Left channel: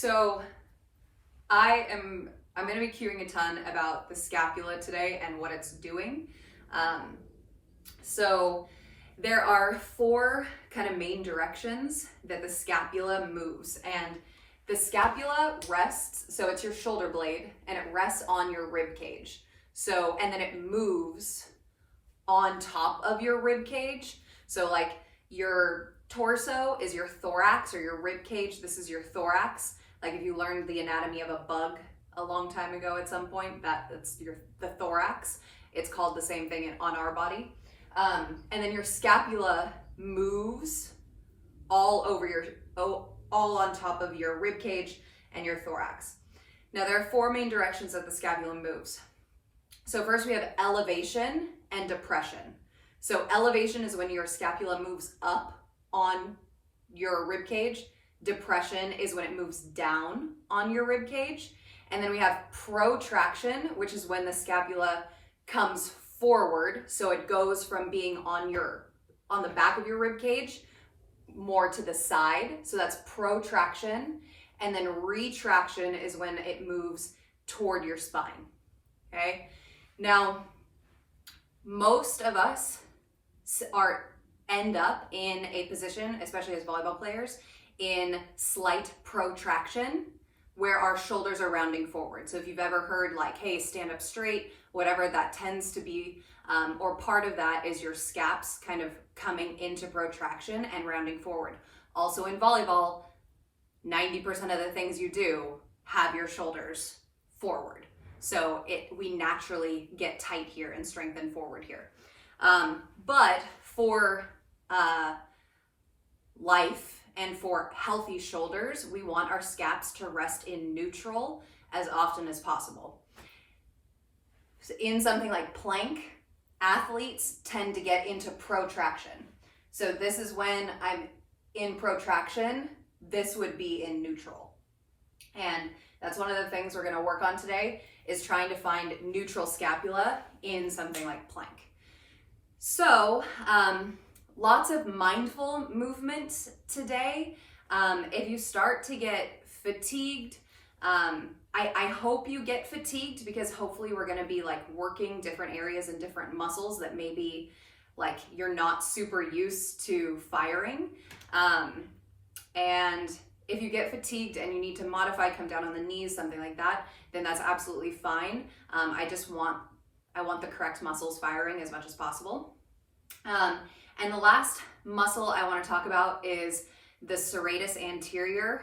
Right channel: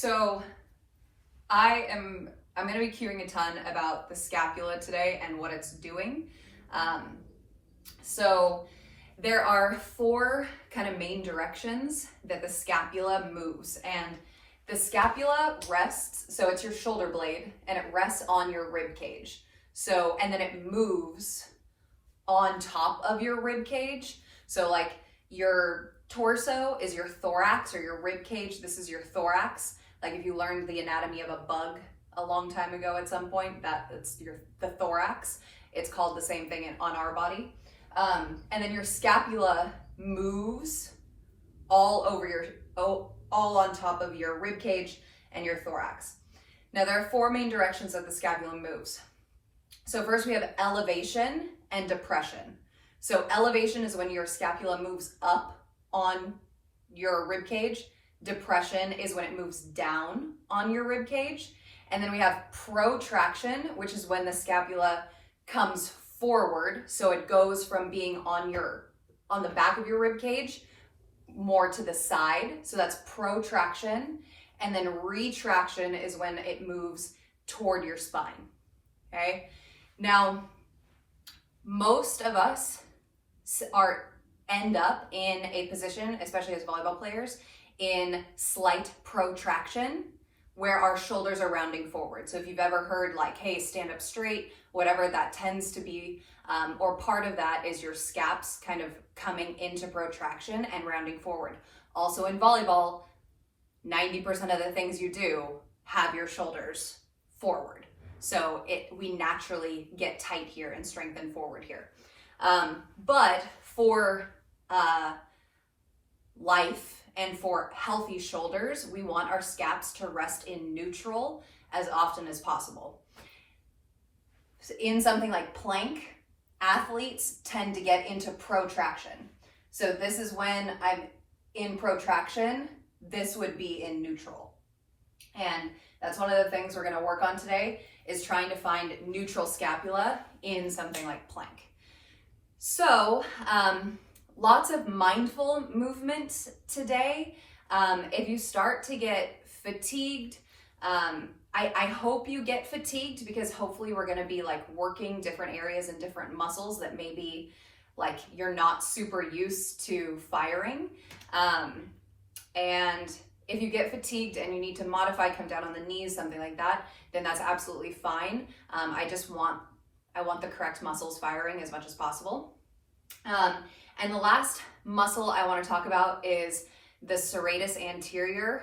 So I'm going to be cueing a ton about the scapula today and what it's doing. So there are four kind of main directions that the scapula moves, and the scapula rests, so it's your shoulder blade, and it rests on your rib cage. So, and then it moves on top of your rib cage. So like your torso is your thorax, or your rib cage, this is your thorax. Like if you learned the anatomy of a bug a long time ago at some point, that's the thorax. It's called the same thing on our body. And then your scapula moves all on top of your rib cage and your thorax. Now there are four main directions that the scapula moves. So first we have elevation and depression. So elevation is when your scapula moves up on your rib cage. Depression is when it moves down on your rib cage. And then we have protraction, which is when the scapula comes forward. So it goes from being on the back of your rib cage more to the side. So that's protraction. And then retraction is when it moves toward your spine. Okay. Now, most of us end up in a position, especially as volleyball players, in slight protraction, where our shoulders are rounding forward. So if you've ever heard like, hey, stand up straight, whatever that tends to be, or part of that is your scaps kind of coming into protraction and rounding forward. Also in volleyball, 90% of the things you do have your shoulders forward. So we naturally get tight here and strengthen forward here. But for life and for healthy shoulders, we want our scaps to rest in neutral as often as possible. So in something like plank, athletes tend to get into protraction. So this is when I'm in protraction, this would be in neutral. And that's one of the things we're going to work on today, is trying to find neutral scapula in something like plank. So lots of mindful movement today. If you start to get fatigued, I hope you get fatigued, because hopefully we're going to be like working different areas and different muscles that maybe like you're not super used to firing. And if you get fatigued and you need to modify, come down on the knees, something like that, then that's absolutely fine. I want the correct muscles firing as much as possible. And the last muscle I want to talk about is the serratus anterior.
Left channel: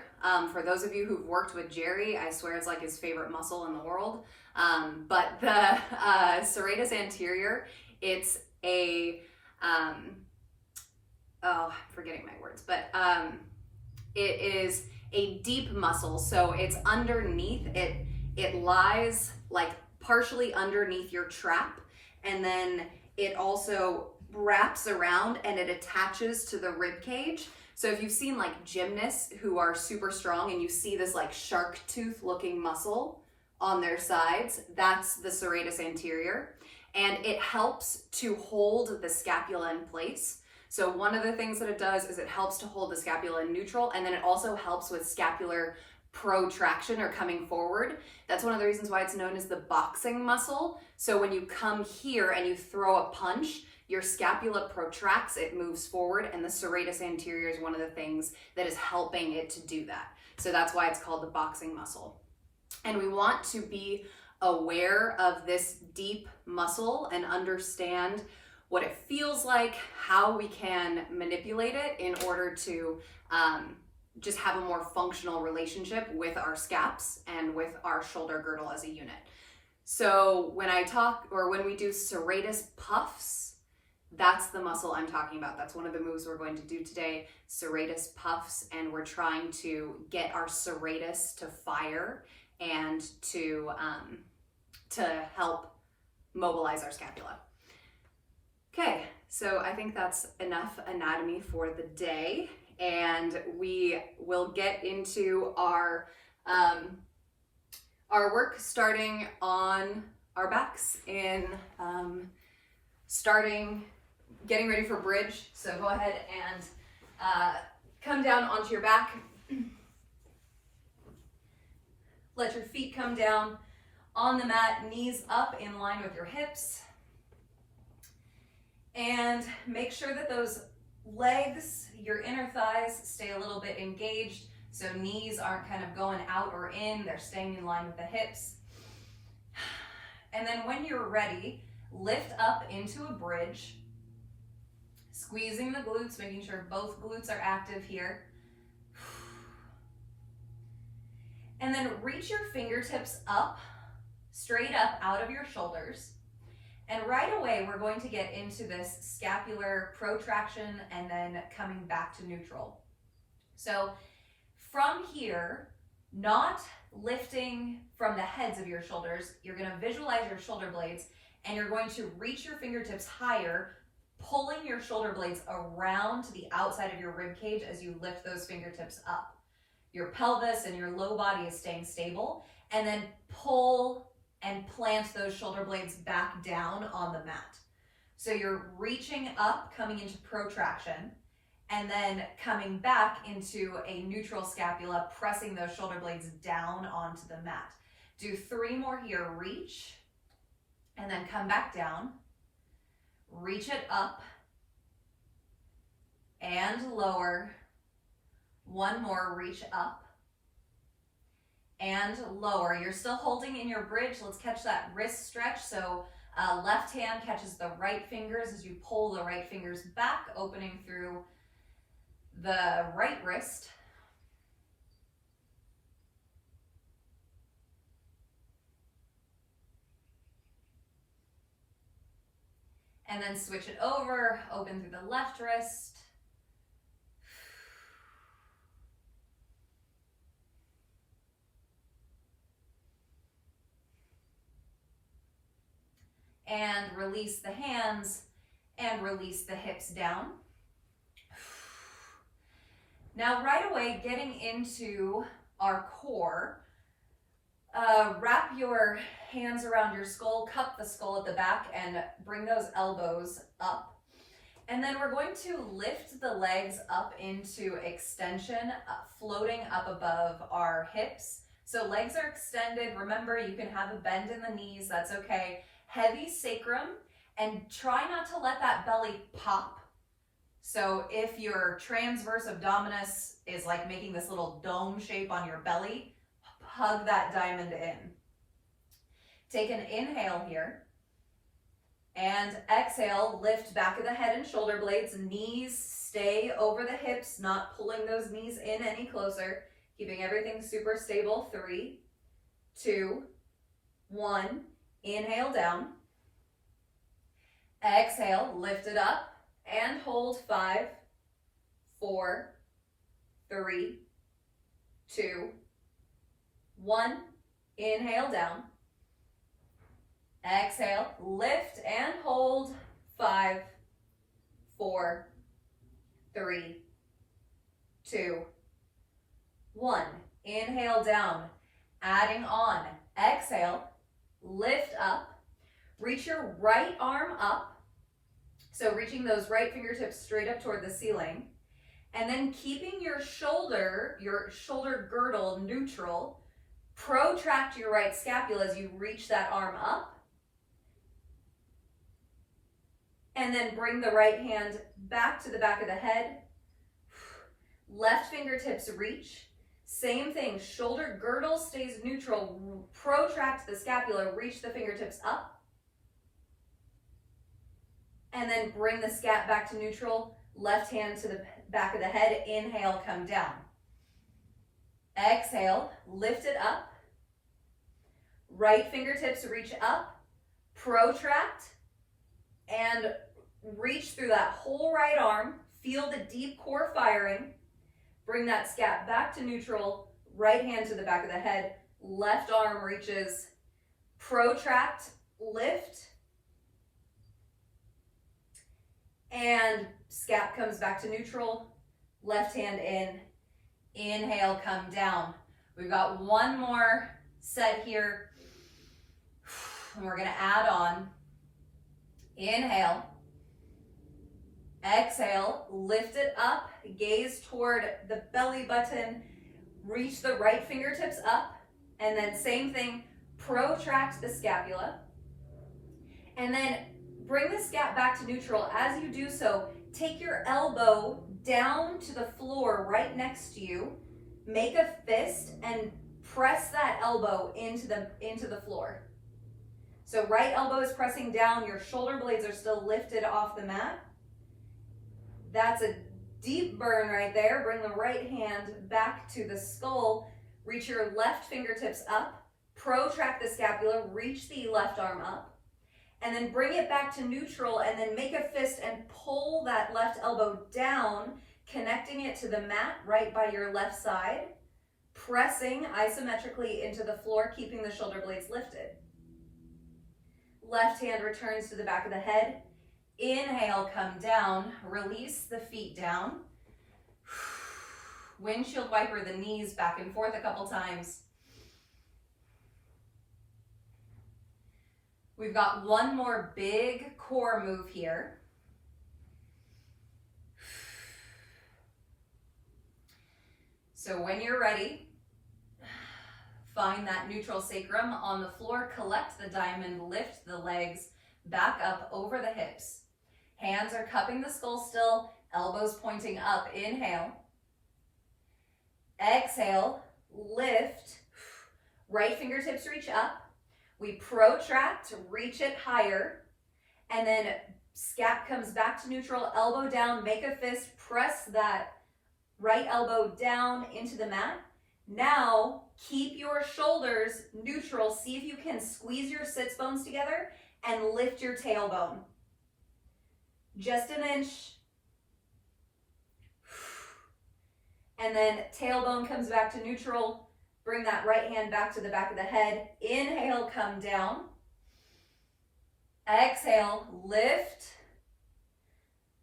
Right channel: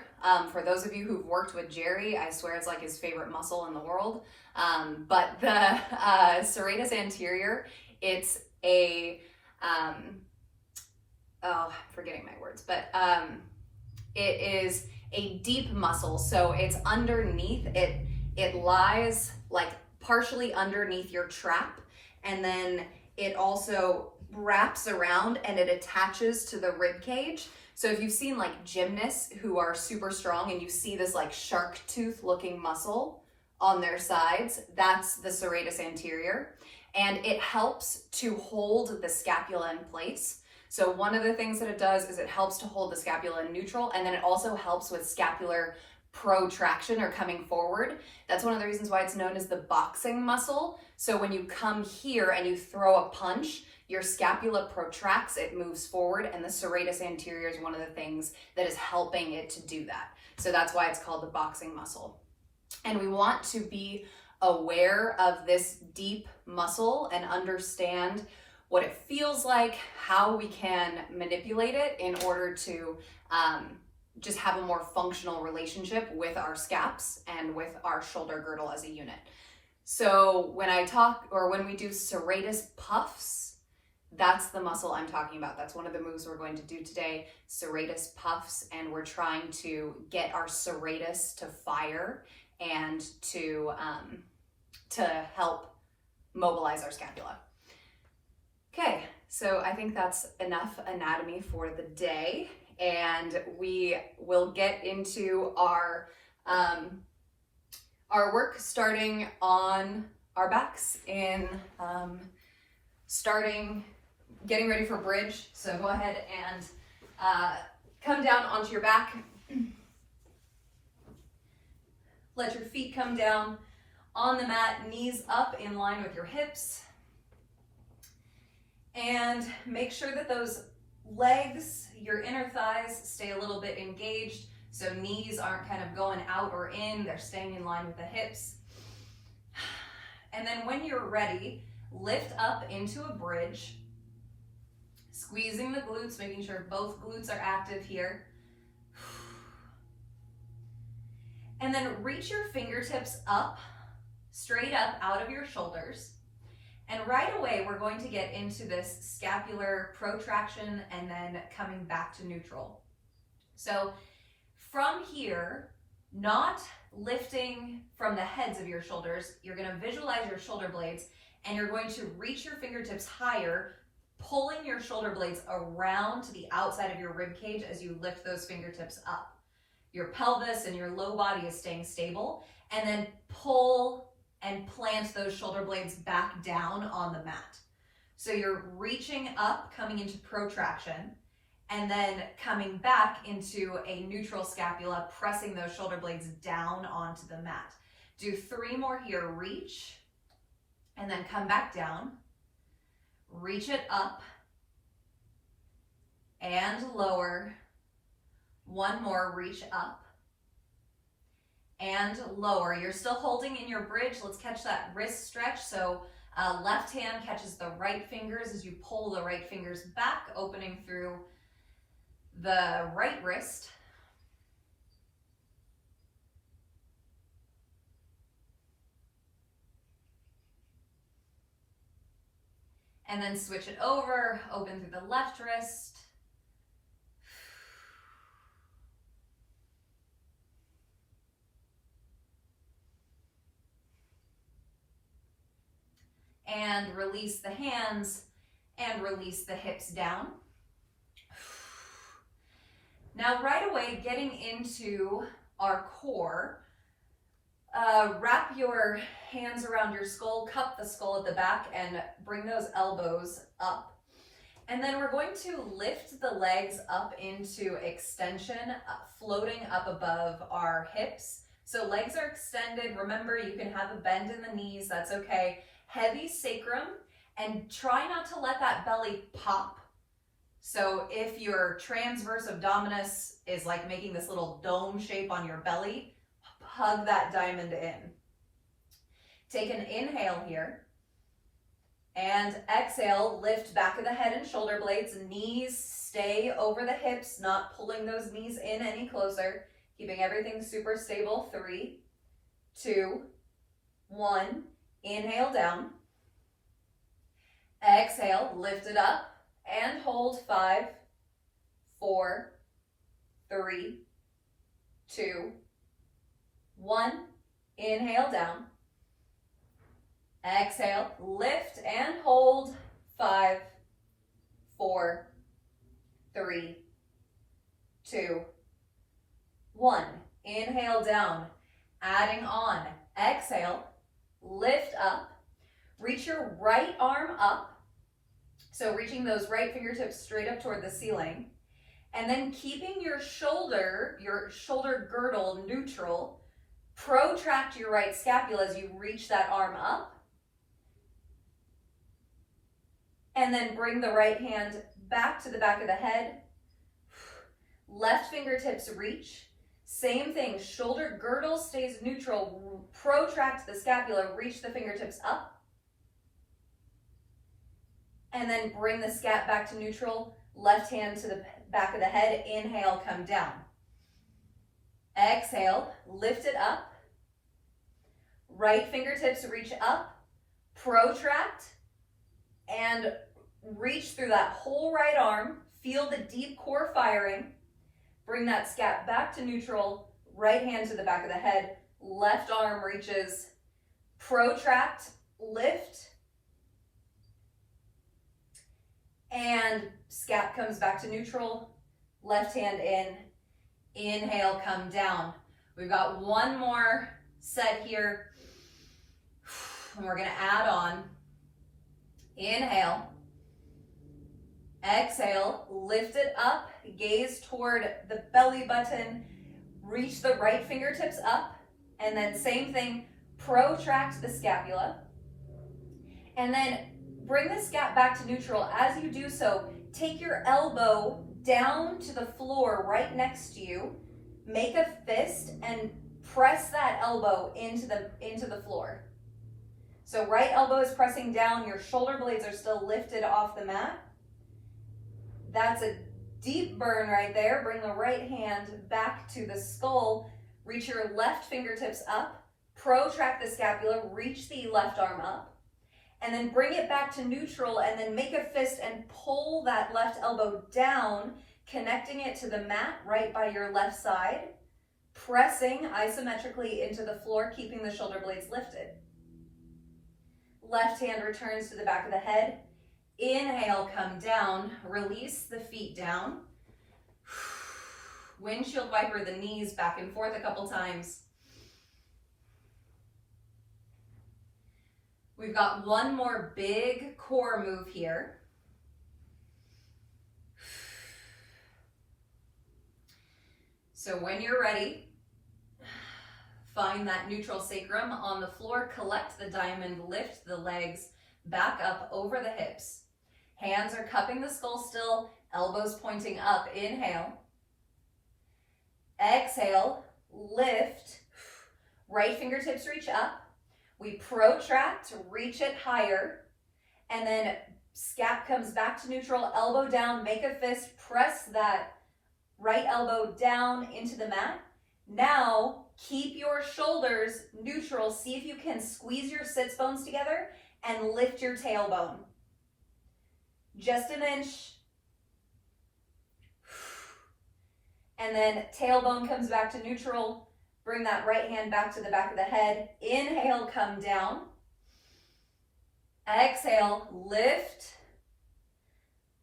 For those of you who've worked with Jerry, I swear it's like his favorite muscle in the world. But the serratus anterior, it's a, I'm forgetting my words, but it is a deep muscle. So it's underneath, it lies like partially underneath your trap, and then it also wraps around and it attaches to the rib cage. So if you've seen like gymnasts who are super strong and you see this like shark tooth looking muscle on their sides, that's the serratus anterior, and it helps to hold the scapula in place. So one of the things that it does is it helps to hold the scapula in neutral, and then it also helps with scapular protraction, or coming forward. That's one of the reasons why it's known as the boxing muscle. So when you come here and you throw a punch, your scapula protracts, it moves forward, and the serratus anterior is one of the things that is helping it to do that. So that's why it's called the boxing muscle. And we want to be aware of this deep muscle and understand what it feels like, how we can manipulate it in order to just have a more functional relationship with our scaps and with our shoulder girdle as a unit. So when we do serratus puffs, that's the muscle I'm talking about. That's one of the moves we're going to do today, serratus puffs, and we're trying to get our serratus to fire and to help mobilize our scapula. Okay, so I think that's enough anatomy for the day, and we will get into our work starting on our backs in getting ready for bridge. So go ahead and come down onto your back. Let your feet come down on the mat, knees up in line with your hips. And make sure that those legs, your inner thighs, stay a little bit engaged. So knees aren't kind of going out or in, they're staying in line with the hips. And then when you're ready, lift up into a bridge, squeezing the glutes, making sure both glutes are active here. And then reach your fingertips up, straight up out of your shoulders. And right away, we're going to get into this scapular protraction and then coming back to neutral. So from here, not lifting from the heads of your shoulders, you're going to visualize your shoulder blades and you're going to reach your fingertips higher, pulling your shoulder blades around to the outside of your rib cage as you lift those fingertips up. Your pelvis and your low body is staying stable, and then pull and plant those shoulder blades back down on the mat. So you're reaching up, coming into protraction, and then coming back into a neutral scapula, pressing those shoulder blades down onto the mat. Do 3 more here. Reach, and then come back down. Reach it up, and lower. 1 more, reach up, and lower. You're still holding in your bridge. Let's catch that wrist stretch. So left hand catches the right fingers as you pull the right fingers back, opening through the right wrist. And then switch it over, open through the left wrist. And release the hands and release the hips down. Now right away, getting into our core, wrap your hands around your skull, cup the skull at the back, and bring those elbows up. And then we're going to lift the legs up into extension, floating up above our hips. So legs are extended. Remember, you can have a bend in the knees, that's okay. Heavy sacrum, and try not to let that belly pop. So if your transverse abdominis is like making this little dome shape on your belly, hug that diamond in. Take an inhale here, and exhale, lift back of the head and shoulder blades, knees stay over the hips, not pulling those knees in any closer, keeping everything super stable. 3, 2, 1. Inhale down, exhale, lift it up, and hold. 5, 4, 3, 2, 1. Inhale down, exhale, lift and hold. 5, 4, 3, 2, 1. Inhale down, adding on, exhale, lift up, reach your right arm up. So reaching those right fingertips straight up toward the ceiling. And then keeping your shoulder girdle neutral, protract your right scapula as you reach that arm up. And then bring the right hand back to the back of the head. Left fingertips reach. Same thing, shoulder girdle stays neutral, protract the scapula, reach the fingertips up. And then bring the scap back to neutral, left hand to the back of the head, inhale, come down. Exhale, lift it up. Right fingertips reach up, protract, and reach through that whole right arm, feel the deep core firing. Bring that scap back to neutral, right hand to the back of the head, left arm reaches, protract, lift, and scap comes back to neutral, left hand in, inhale, come down. We've got 1 more set here, and we're gonna add on. Inhale, exhale, lift it up, gaze toward the belly button, reach the right fingertips up, And then same thing, protract the scapula. And then bring the scap back to neutral. As you do so, take your elbow down to the floor right next to you, make a fist, and press that elbow into the floor. So right elbow is pressing down, your shoulder blades are still lifted off the mat. That's a deep burn right there. Bring the right hand back to the skull, reach your left fingertips up, protract the scapula, reach the left arm up, and then bring it back to neutral, and then make a fist and pull that left elbow down, connecting it to the mat right by your left side, pressing isometrically into the floor, keeping the shoulder blades lifted. Left hand returns to the back of the head. Inhale, come down, release the feet down. Windshield wiper the knees back and forth a couple times. We've got one more big core move here. So when you're ready, find that neutral sacrum on the floor, collect the diamond, lift the legs back up over the hips. Hands are cupping the skull still, elbows pointing up. Inhale. Exhale, lift. Right fingertips reach up. We protract, reach it higher, and then scap comes back to neutral, elbow down, make a fist, press that right elbow down into the mat. Now, keep your shoulders neutral. See if you can squeeze your sits bones together and lift your tailbone. Just an inch. And then tailbone comes back to neutral. Bring that right hand back to the back of the head. Inhale, come down. Exhale, lift.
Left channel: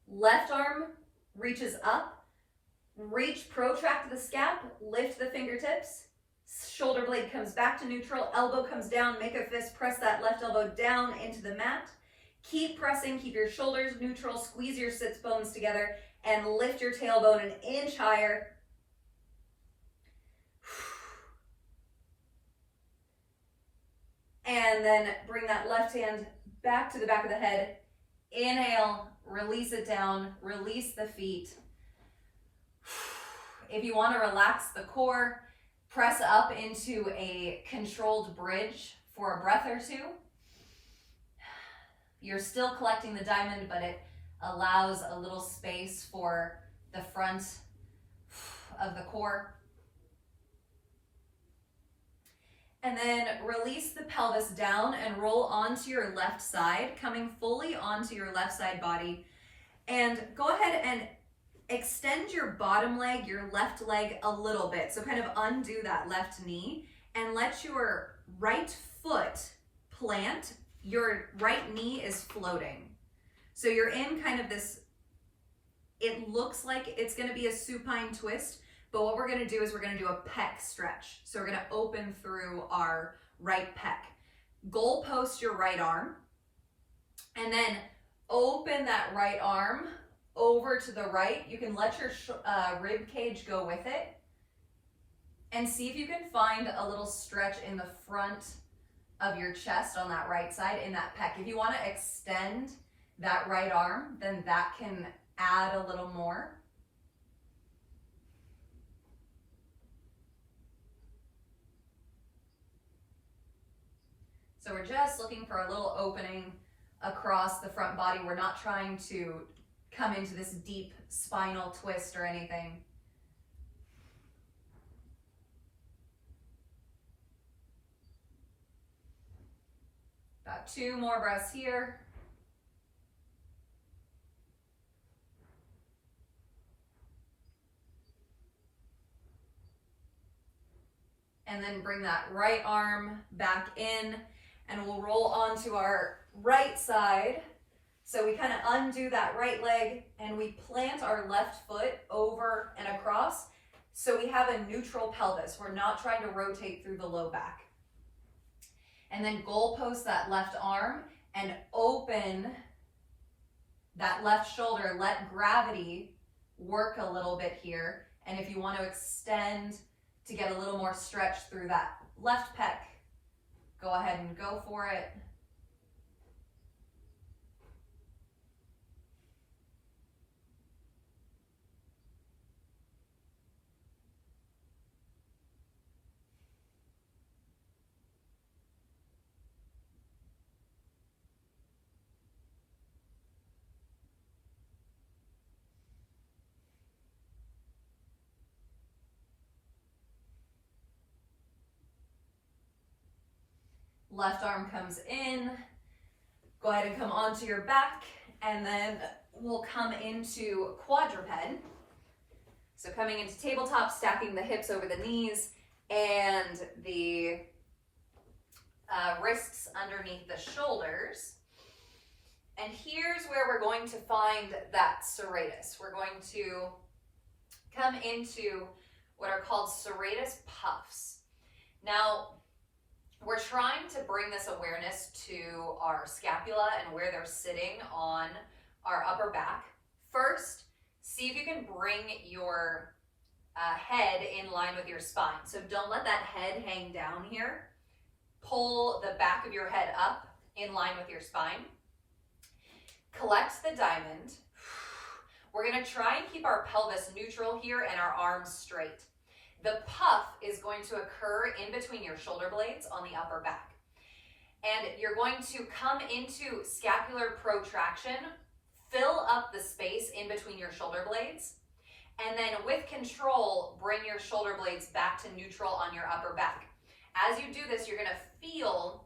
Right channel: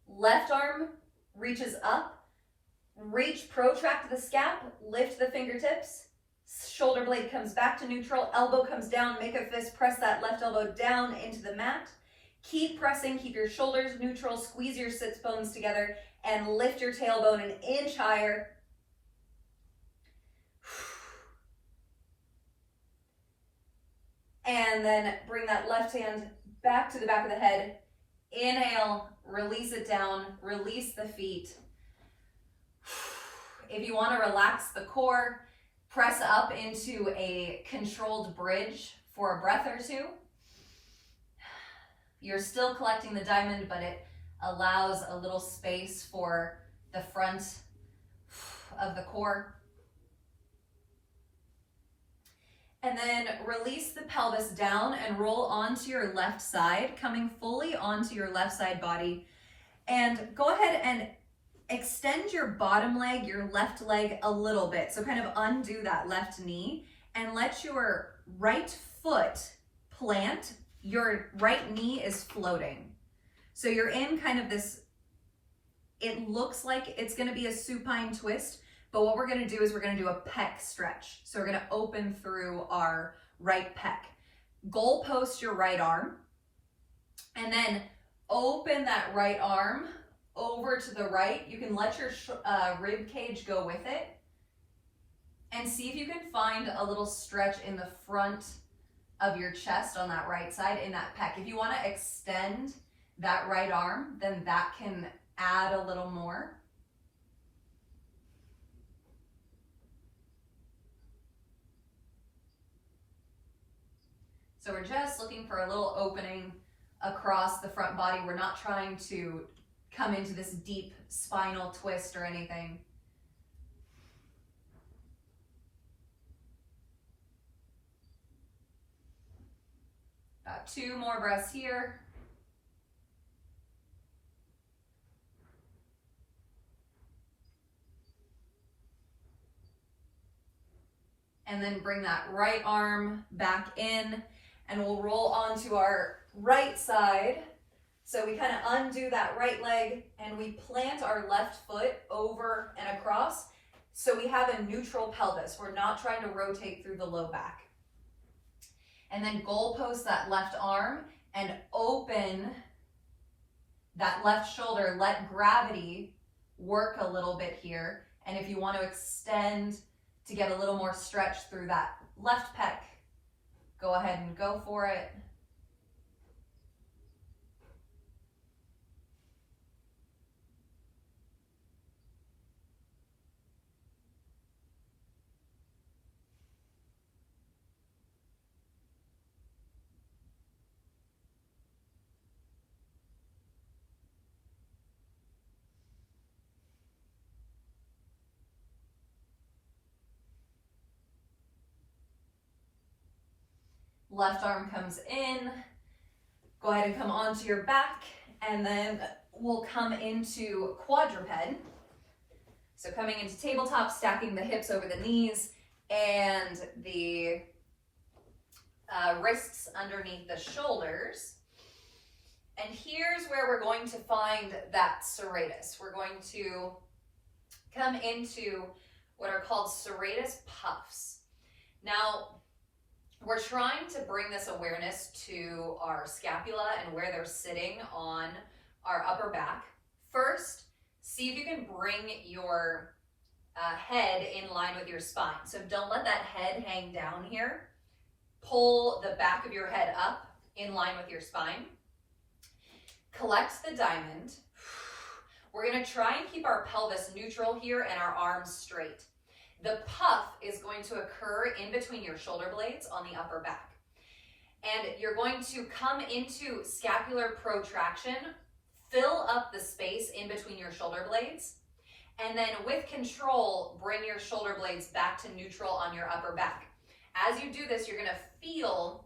Left arm reaches up. Reach, protract the scap, lift the fingertips. Shoulder blade comes back to neutral. Elbow comes down, make a fist, press that left elbow down into the mat. Keep pressing, keep your shoulders neutral, squeeze your sits bones together, and lift your tailbone an inch higher. And then bring that left hand back to the back of the head. Inhale, release it down, release the feet. If you want to relax the core, press up into a controlled bridge for a breath or two. You're still collecting the diamond, but it allows a little space for the front of the core. And then release the pelvis down and roll onto your left side, coming fully onto your left side body. And go ahead and extend your bottom leg, your left leg a little bit. So kind of undo that left knee and let your right foot plant. Your right knee is floating. So you're in kind of this, it looks like it's gonna be a supine twist, but what we're gonna do is we're gonna do a pec stretch. So we're gonna open through our right pec. Goal post your right arm, and then open that right arm over to the right. You can let your rib cage go with it, and see if you can find a little stretch in the front of your chest on that right side in that pec. If you wanna extend that right arm, then that can add a little more. So we're just looking for a little opening across the front body. We're not trying to come into this deep spinal twist or anything. About 2 more breaths here. And then bring that right arm back in, and we'll roll onto our right side. So we kind of undo that right leg and we plant our left foot over and across. So we have a neutral pelvis. We're not trying to rotate through the low back. And then goal post that left arm and open that left shoulder. Let gravity work a little bit here. And if you want to extend to get a little more stretch through that left pec, go ahead and go for it. Left arm comes in, go ahead and come onto your back, and then we'll come into quadruped. So coming into tabletop, stacking the hips over the knees and the wrists underneath the shoulders. And here's where we're going to find that serratus. We're going to come into what are called serratus puffs. Now, we're trying to bring this awareness to our scapula and where they're sitting on our upper back. First, see if you can bring your head in line with your spine. So don't let that head hang down here. Pull the back of your head up in line with your spine. Collect the diamond. We're going to try and keep our pelvis neutral here and our arms straight. The puff is going to occur in between your shoulder blades on the upper back. And you're going to come into scapular protraction, fill up the space in between your shoulder blades, and then with control, bring your shoulder blades back to neutral on your upper back. As you do this, you're going to feel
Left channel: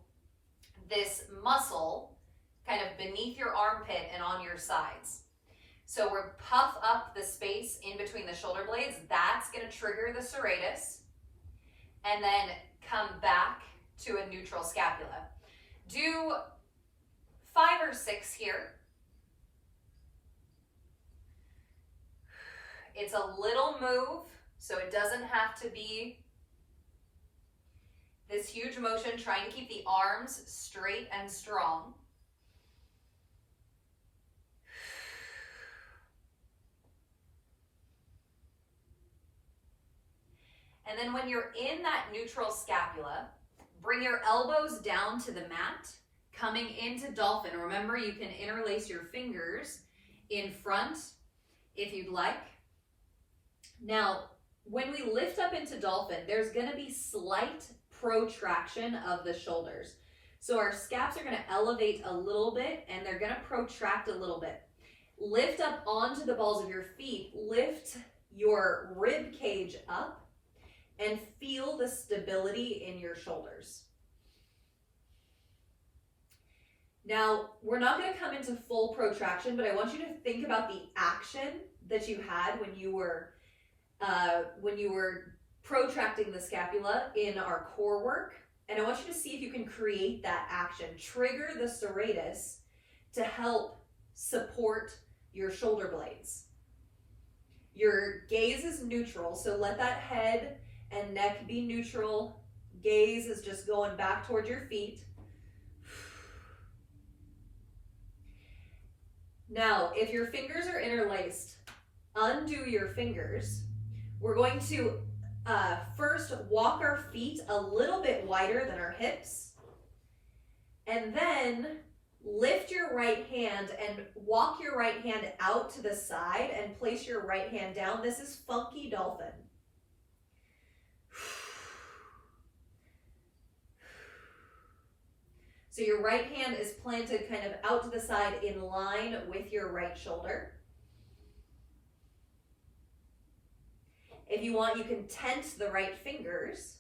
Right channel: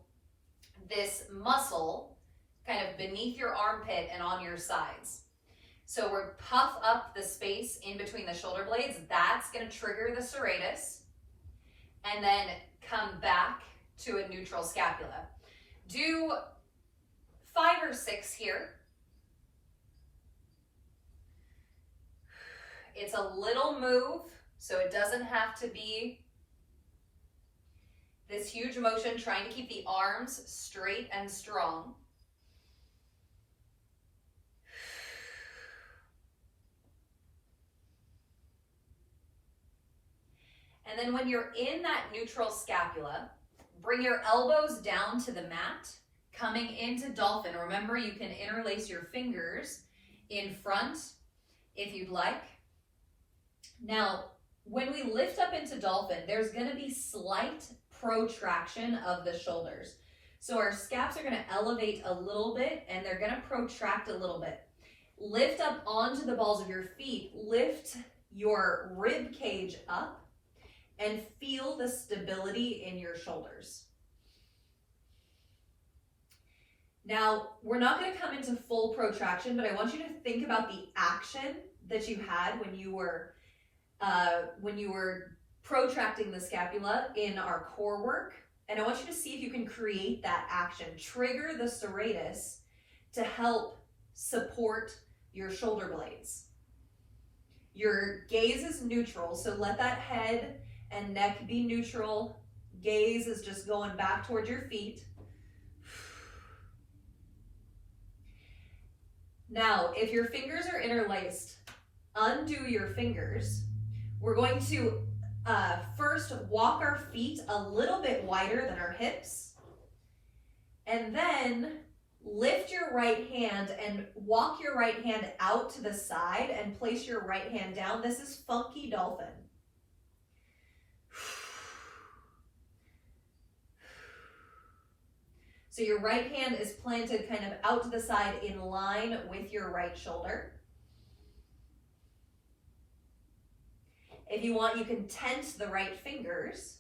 this muscle kind of beneath your armpit and on your sides. So we're puff up the space in between the shoulder blades. That's going to trigger the serratus. And then come back to a neutral scapula. Do 5 or 6 here. It's a little move, so it doesn't have to be this huge motion, trying to keep the arms straight and strong. And then when you're in that neutral scapula, bring your elbows down to the mat, coming into Dolphin. Remember, you can interlace your fingers in front if you'd like. Now, when we lift up into Dolphin, there's going to be slight protraction of the shoulders. So our scaps are going to elevate a little bit and they're going to protract a little bit. Lift up onto the balls of your feet. Lift your rib cage up and feel the stability in your shoulders. Now, we're not going to come into full protraction, but I want you to think about the action that you had when you were protracting the scapula in our core work. And I want you to see if you can create that action. Trigger the serratus to help support your shoulder blades. Your gaze is neutral, so let that head and neck be neutral. Gaze is just going back towards your feet. Now, if your fingers are interlaced, undo your fingers. We're going to first walk our feet a little bit wider than our hips, and then lift your right hand and walk your right hand out to the side and place your right hand down. This is funky dolphin. So your right hand is planted kind of out to the side in line with your right shoulder. If you want, you can tense the right fingers.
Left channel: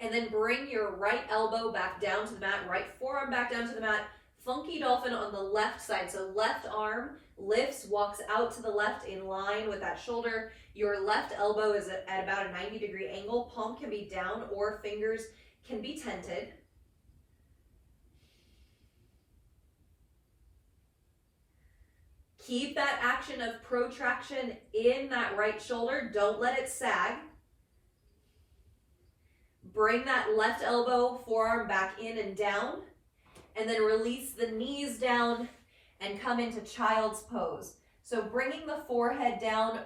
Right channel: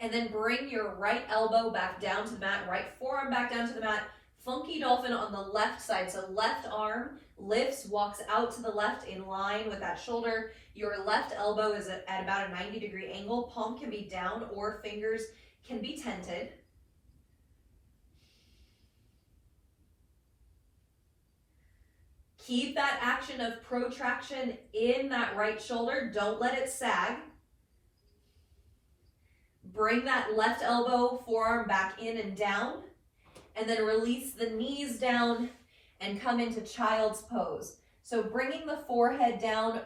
And then bring your right elbow back down to the mat, right forearm back down to the mat. Funky dolphin on the left side. So left arm lifts, walks out to the left in line with that shoulder. Your left elbow is at about a 90-degree angle. Palm can be down or fingers can be tented. Keep that action of protraction in that right shoulder. Don't let it sag. Bring that left elbow, forearm back in and down. And then release the knees down and come into child's pose. So bringing the forehead down,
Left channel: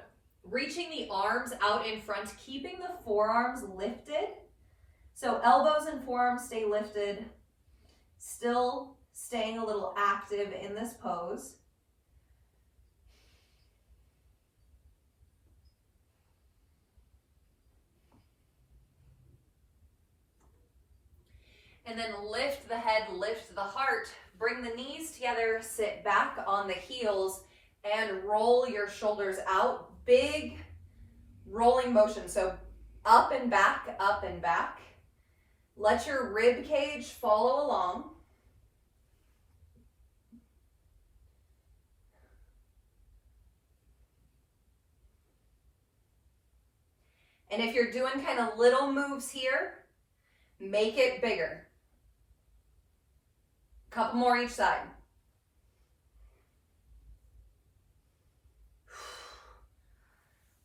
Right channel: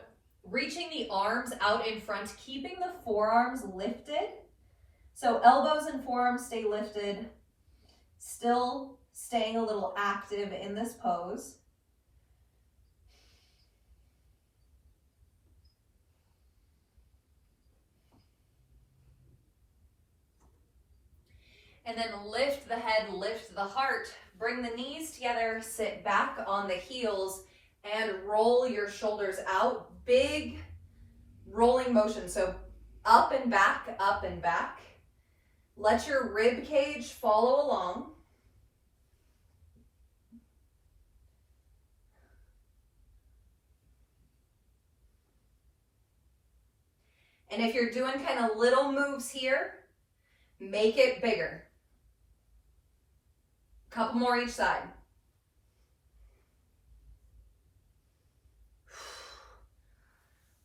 reaching the arms out in front, keeping the forearms lifted. So elbows and forearms stay lifted, still staying a little active in this pose. And then lift the head, lift the heart, bring the knees together, sit back on the heels, and roll your shoulders out. Big rolling motion, so up and back, up and back. Let your rib cage follow along. And if you're doing kind of little moves here, make it bigger. Couple more each side.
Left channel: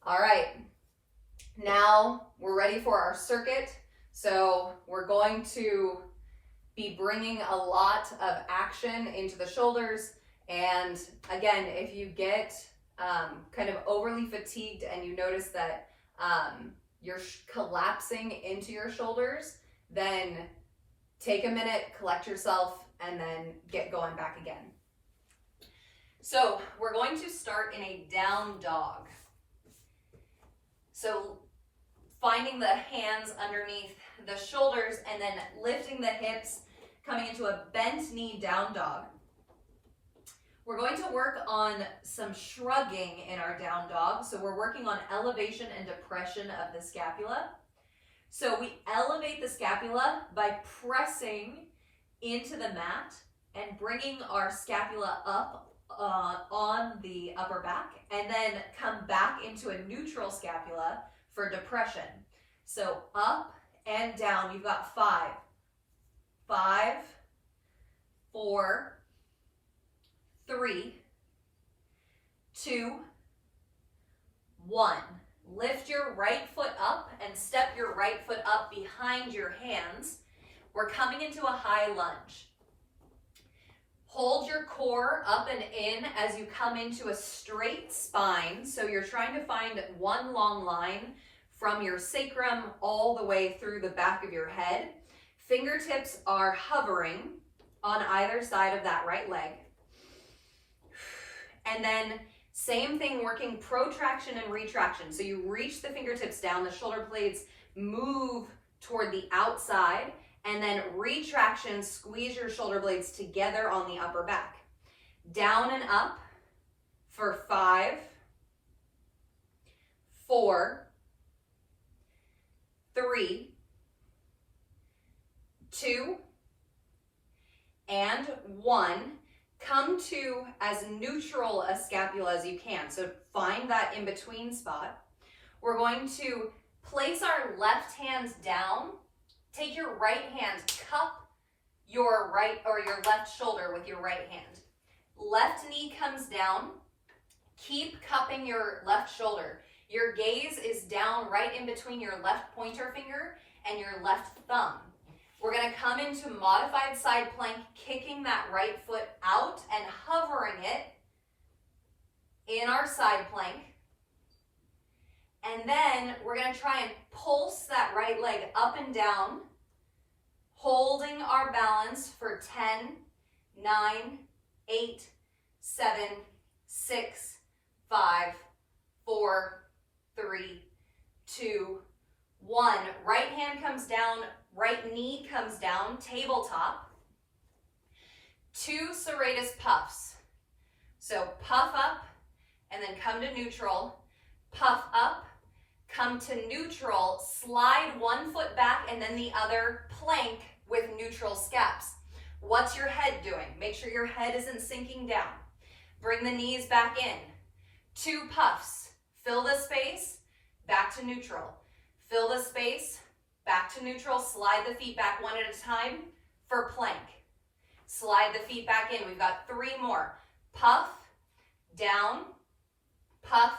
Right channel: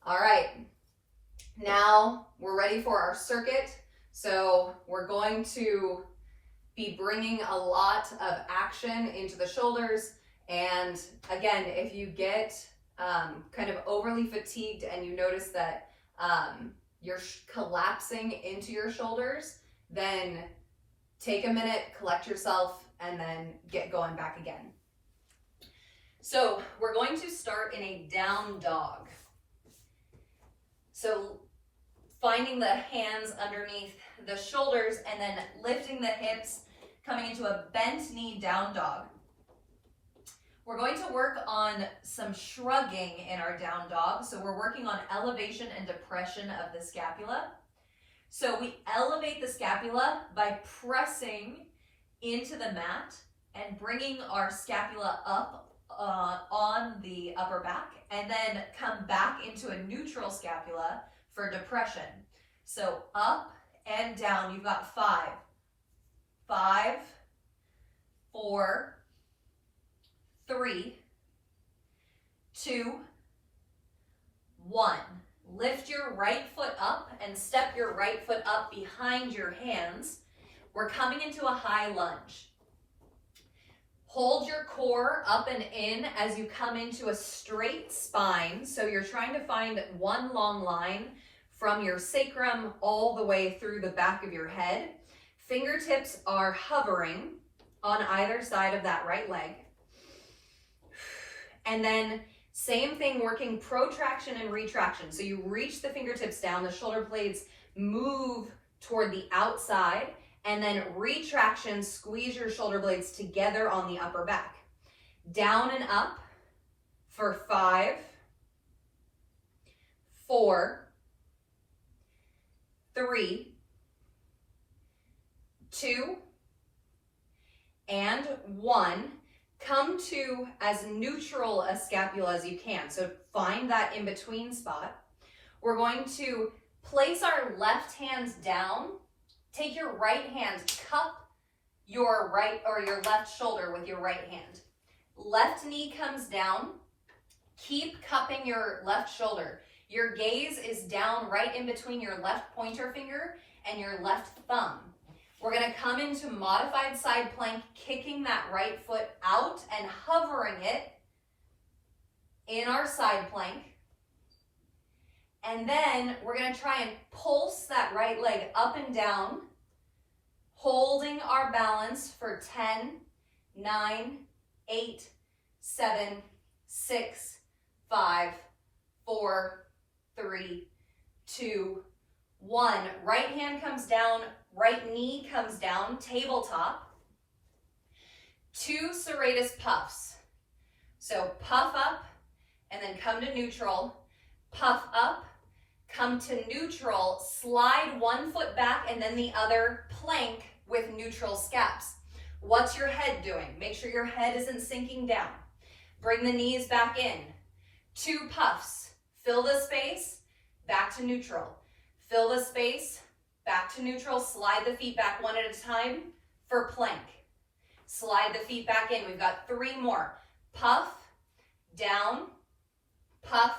All right, now we're ready for our circuit. So we're going to be bringing a lot of action into the shoulders. And again, if you get kind of overly fatigued and you notice that you're collapsing into your shoulders, then take a minute, collect yourself, and then get going back again. So we're going to start in a down dog. So finding the hands underneath the shoulders and then lifting the hips, coming into a bent knee down dog. We're going to work on some shrugging in our down dog. So we're working on elevation and depression of the scapula. So we elevate the scapula by pressing into the mat and bringing our scapula up on the upper back, and then come back into a neutral scapula for depression. So up and down. You've got 5, 5, 4, 3, 2, 1. Lift your right foot up and step your right foot up behind your hands. We're coming into a high lunge. Hold your core up and in as you come into a straight spine. So you're trying to find one long line from your sacrum all the way through the back of your head. Fingertips are hovering on either side of that right leg. And then same thing, working protraction and retraction. So you reach the fingertips down, the shoulder blades move toward the outside, and then retraction, squeeze your shoulder blades together on the upper back. Down and up for 5, 4, 3, 2, and 1. Come to as neutral a scapula as you can. So find that in between spot. We're going to place our left hand down. Take your right hand, cup your right or your left shoulder with your right hand. Left knee comes down. Keep cupping your left shoulder. Your gaze is down right in between your left pointer finger and your left thumb. We're going to come into modified side plank, kicking that right foot out and hovering it in our side plank. And then we're going to try and pulse that right leg up and down, holding our balance for 10, 9, 8, 7, 6, 5, 4, 3, 2, 1. Right hand comes down, right knee comes down, tabletop. 2 serratus puffs. So puff up and then come to neutral, puff up, come to neutral, slide one foot back and then the other, plank with neutral scaps. What's your head doing? Make sure your head isn't sinking down. Bring the knees back in. 2 puffs. Fill the space, back to neutral. Fill the space, back to neutral. Slide the feet back one at a time for plank. Slide the feet back in. We've got 3 more. Puff, down, puff,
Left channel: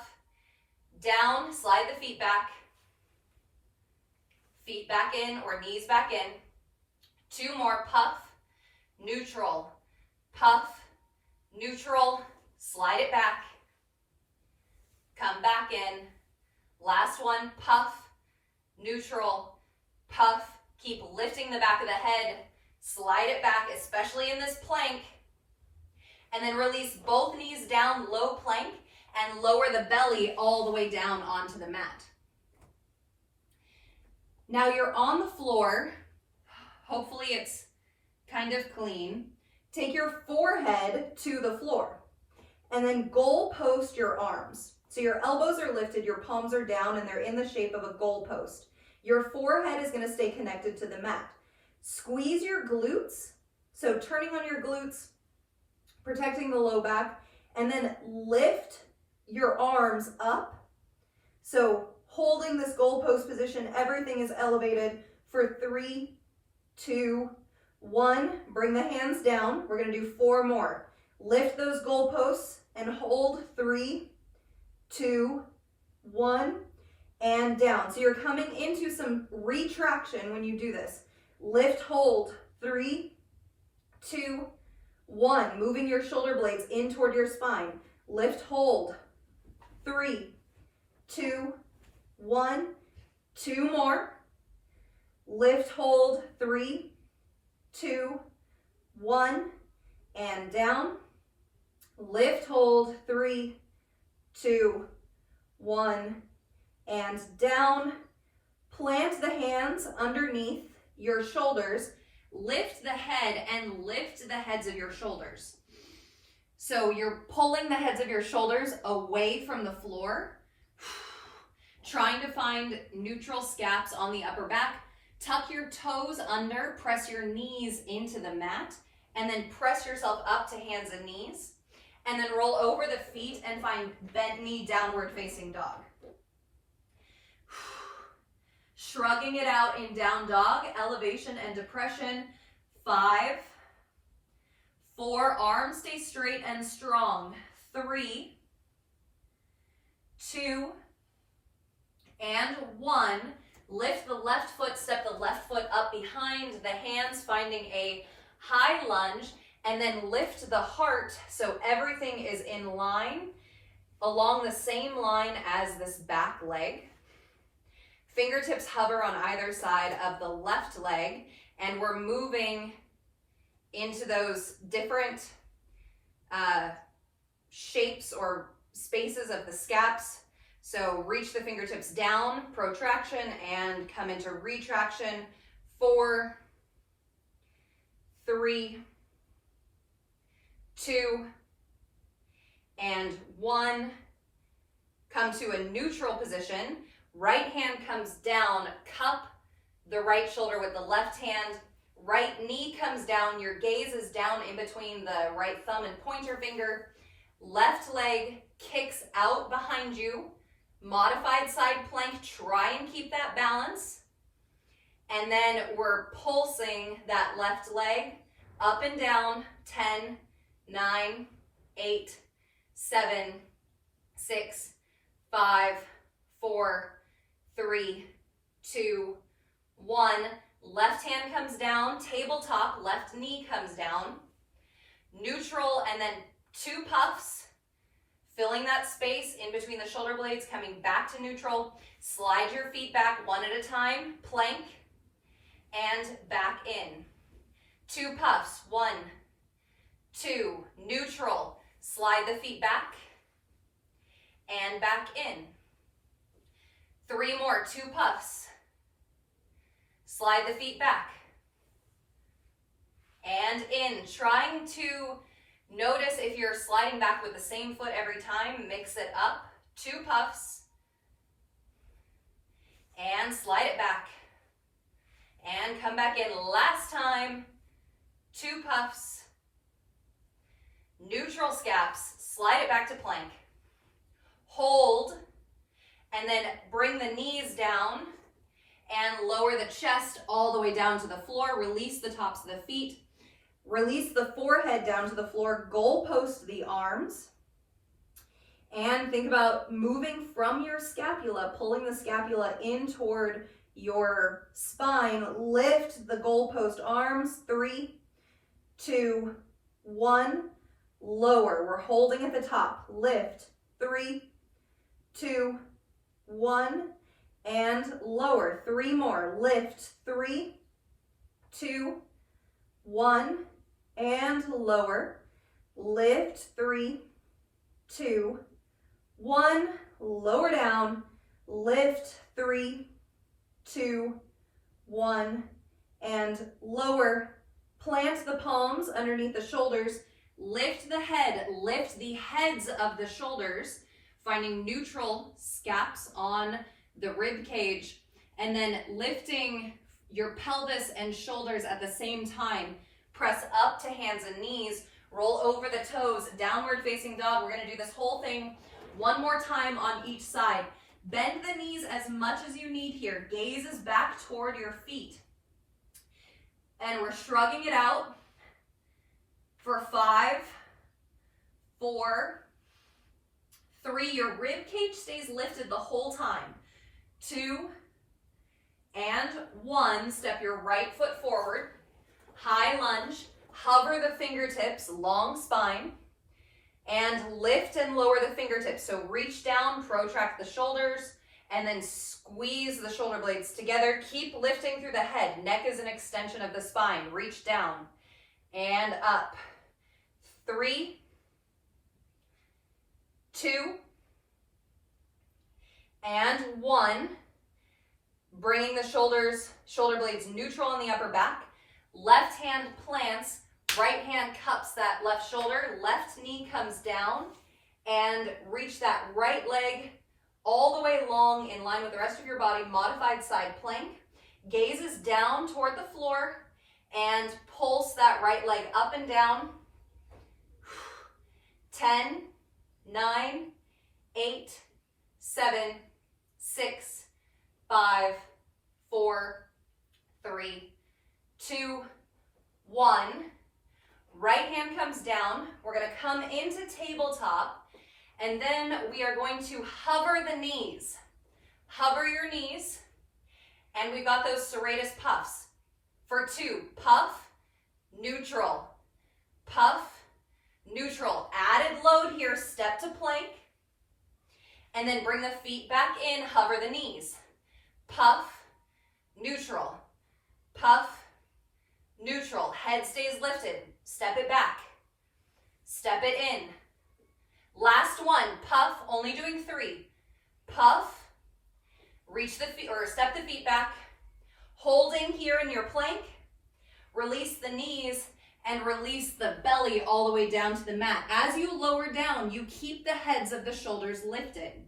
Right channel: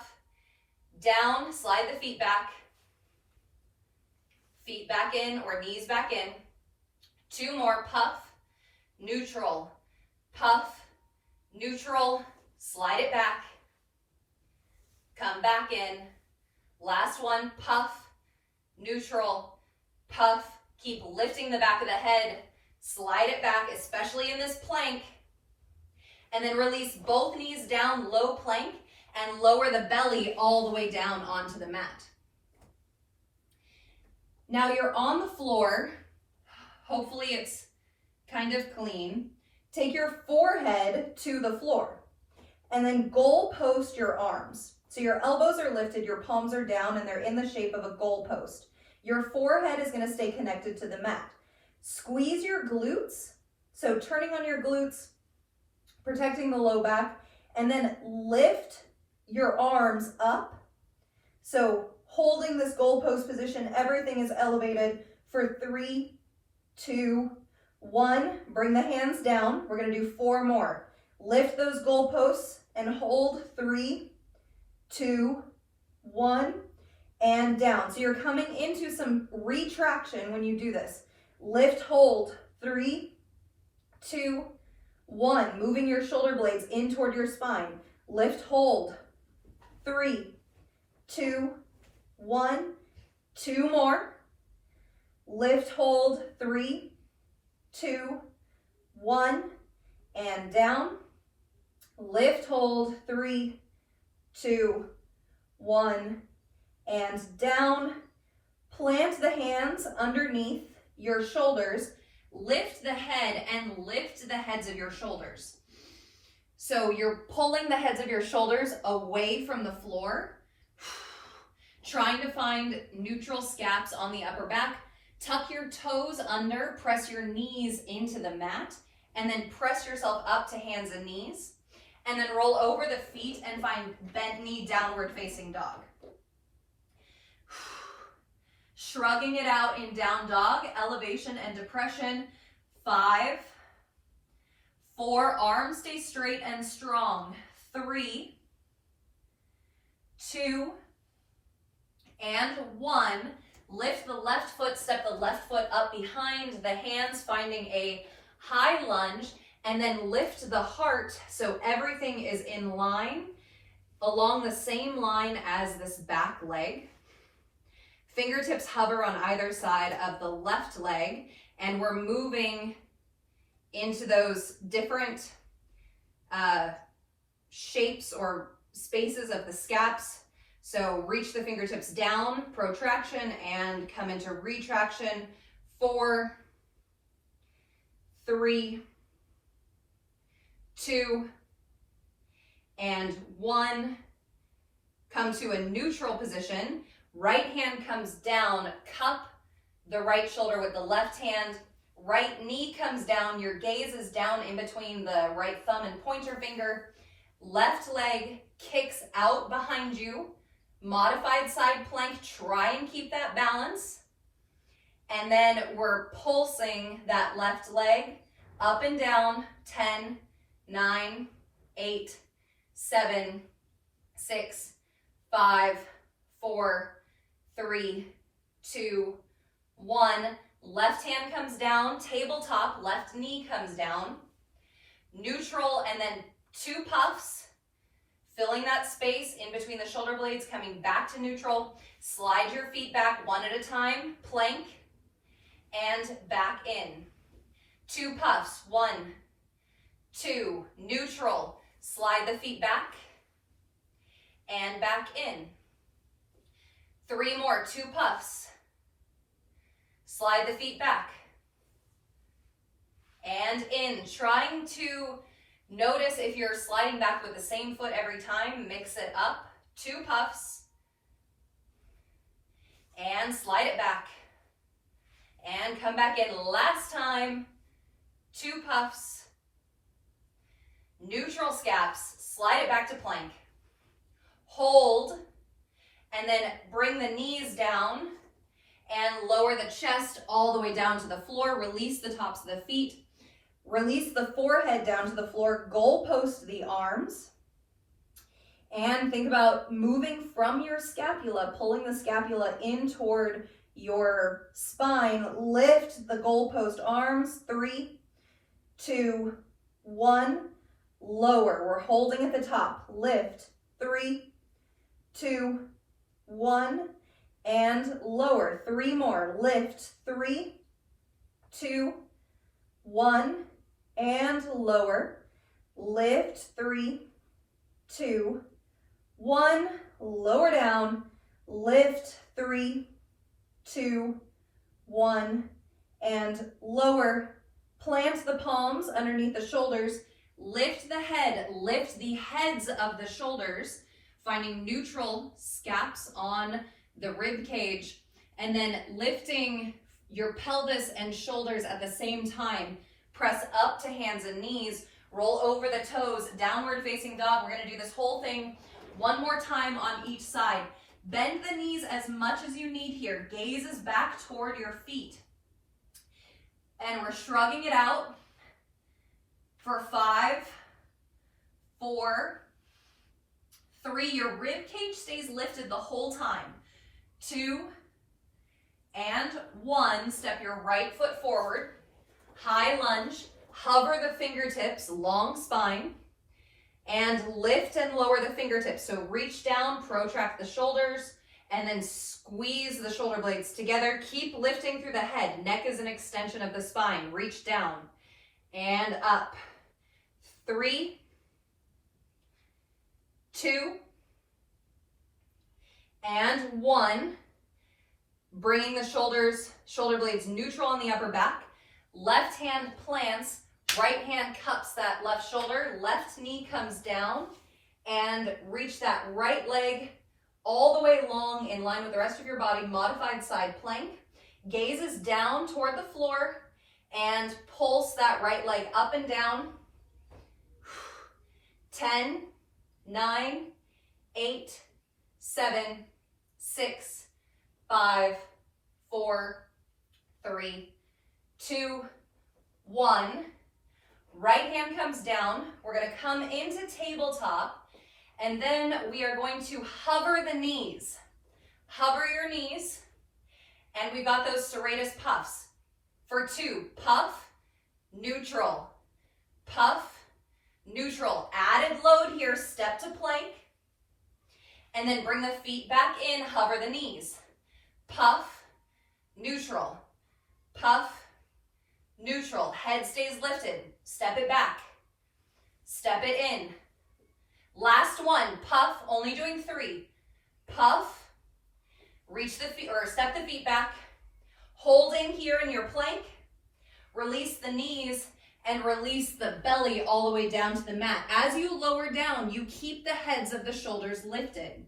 down, slide the feet back in or knees back in. 2 more, puff, neutral, puff, neutral, slide it back, come back in, Last one, puff, neutral, puff. Keep lifting the back of the head. Slide it back, especially in this plank. And then release both knees down, low plank, and lower the belly all the way down onto the mat. Now you're on the floor. Hopefully it's kind of clean. Take your forehead to the floor and then goal post your arms. So your elbows are lifted, your palms are down, and they're in the shape of a goal post. Your forehead is going to stay connected to the mat. Squeeze your glutes, so turning on your glutes, protecting the low back, and then lift your arms up. So holding this goal post position, everything is elevated for 3, 2, 1. Bring the hands down. We're going to do 4 more. Lift those goal posts and hold 3, 2, 1, and down. So you're coming into some retraction when you do this. Lift, hold, 3, 2, 1. Moving your shoulder blades in toward your spine. Lift, hold, 3, 2, 1. 2 more. Lift, hold, 3, 2, 1, and down. Lift, hold, 3, 2, 1, and down. Plant the hands underneath your shoulders. Lift the head and lift the heads of your shoulders. So you're pulling the heads of your shoulders away from the floor, trying to find neutral scaps on the upper back. Tuck your toes under, press your knees into the mat, and then press yourself up to hands and knees. And then roll over the feet and find bent knee, downward facing dog. Shrugging it out in down dog, elevation and depression. 5, 4, arms stay straight and strong. 3, 2, and 1. Lift the left foot, step the left foot up behind the hands, finding a high lunge, and then lift the heart so everything is in line, along the same line as this back leg. Fingertips hover on either side of the left leg, and we're moving into those different shapes or spaces of the scaps. So reach the fingertips down, protraction, and come into retraction. 4, 3, 2, and 1. Come to a neutral position. Right hand comes down, cup the right shoulder with the left hand. Right knee comes down, your gaze is down in between the right thumb and pointer finger. Left leg kicks out behind you. Modified side plank, try and keep that balance. And then we're pulsing that left leg up and down. 10, 9, 8, 7, 6, 5, 4, 3, 2, 1. Left hand comes down, tabletop, left knee comes down. Neutral, and then 2 puffs, filling that space in between the shoulder blades, coming back to neutral. Slide your feet back 1 at a time, plank, and back in. 2 puffs, 1, 2, neutral. Slide the feet back, and back in. 3 more, 2 puffs. Slide the feet back, and in. Trying to notice if you're sliding back with the same foot every time, mix it up. 2 puffs, and slide it back, and come back in. Last time, 2 puffs, neutral scaps, slide it back to plank. Hold, and then bring the knees down and lower the chest all the way down to the floor. Release the tops of the feet. Release the forehead down to the floor. Goal post the arms. And think about moving from your scapula, pulling the scapula in toward your spine. Lift the goal post arms. 3, 2, 1. Lower. We're holding at the top. Lift. 3, 2, 1, and lower. 3 more. Lift, 3, 2, 1, and lower. Lift, 3, 2, 1, lower down. Lift, 3, 2, 1, and lower. Plant the palms underneath the shoulders. Lift the head, lift the heads of the shoulders, finding neutral scaps on the rib cage, and then lifting your pelvis and shoulders at the same time. Press up to hands and knees, roll over the toes, downward facing dog. We're gonna do this whole thing one more time on each side. Bend the knees as much as you need here. Gaze is back toward your feet. And we're shrugging it out for 5, 4, 3. Your rib cage stays lifted the whole time. 2, and 1. Step your right foot forward. High lunge. Hover the fingertips, long spine. And lift and lower the fingertips. So reach down, protract the shoulders, and then squeeze the shoulder blades together. Keep lifting through the head. Neck is an extension of the spine. Reach down and up. 3, 2, and 1. Bringing the shoulder blades neutral on the upper back. Left hand plants, right hand cups that left shoulder. Left knee comes down, and reach that right leg all the way long in line with the rest of your body. Modified side plank. Gaze is down toward the floor, and pulse that right leg up and down. 10, 9, 8, 7, 6, 5, 4, 3, 2, 1. Right hand comes down. We're going to come into tabletop, and then we are going to hover the knees. Hover your knees, and we've got those serratus puffs. For 2, puff, neutral, puff, neutral. Added load here, step to plank, and then bring the feet back in, hover the knees. Puff, neutral, puff, neutral. Head stays lifted. Step it back. Step it in. Last one, puff, only doing 3. Puff, reach the feet, or step the feet back. Holding here in your plank. Release the knees and release the belly all the way down to the mat. As you lower down, you keep the heads of the shoulders lifted.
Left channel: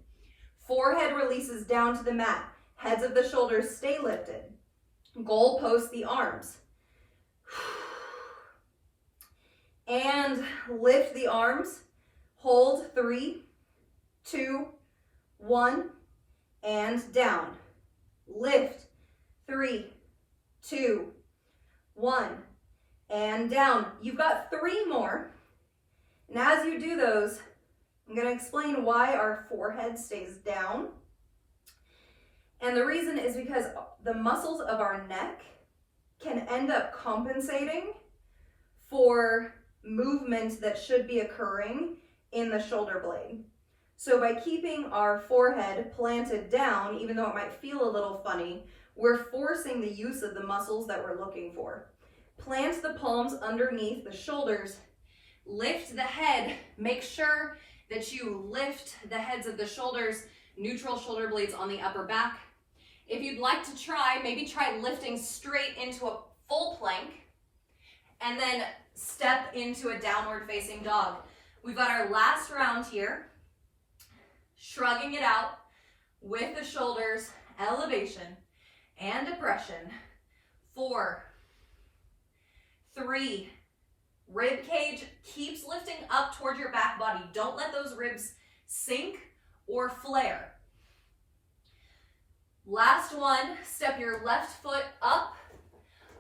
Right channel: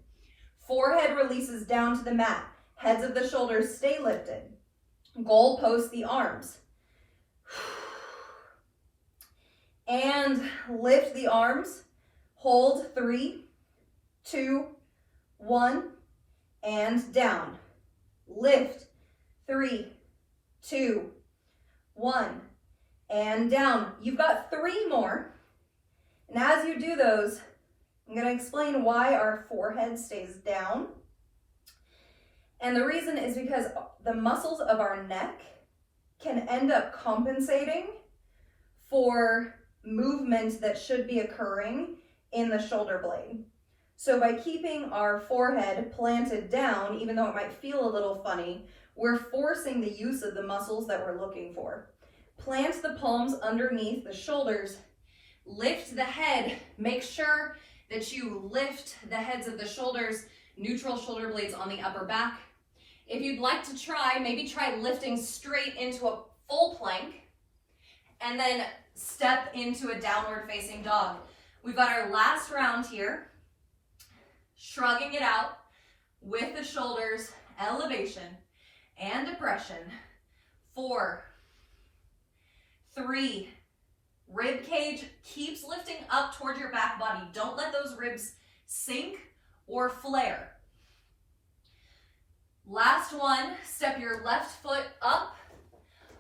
Forehead releases down to the mat. Heads of the shoulders stay lifted. Goal post the arms. And lift the arms. Hold 3, 2, 1, and down. Lift 3, 2, 1, and down. You've got 3 more. And as you do those, I'm going to explain why our forehead stays down. And the reason is because the muscles of our neck can end up compensating for movement that should be occurring in the shoulder blade. So by keeping our forehead planted down, even though it might feel a little funny, we're forcing the use of the muscles that we're looking for. Plant the palms underneath the shoulders. Lift the head. Make sure that you lift the heads of the shoulders, neutral shoulder blades on the upper back. If you'd like to try, maybe try lifting straight into a full plank, and then step into a downward facing dog. We've got our last round here. Shrugging it out with the shoulders, elevation and depression. 4, 3, rib cage keeps lifting up toward your back body. Don't let those ribs sink or flare. Last one, step your left foot up,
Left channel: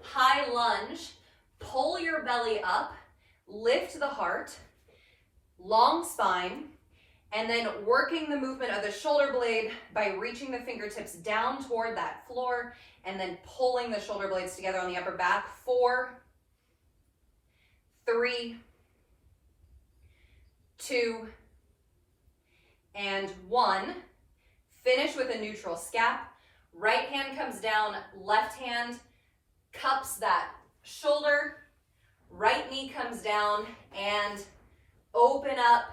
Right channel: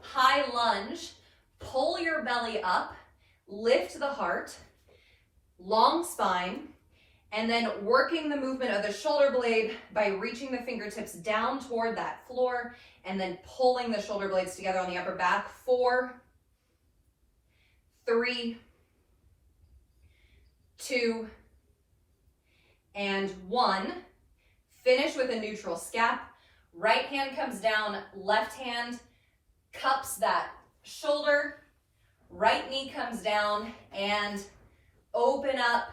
high lunge, pull your belly up, lift the heart, long spine, and then working the movement of the shoulder blade by reaching the fingertips down toward that floor and then pulling the shoulder blades together on the upper back. 4, 3, 2, and 1. Finish with a neutral scap. Right hand comes down, left hand cups that shoulder. Right knee comes down and open up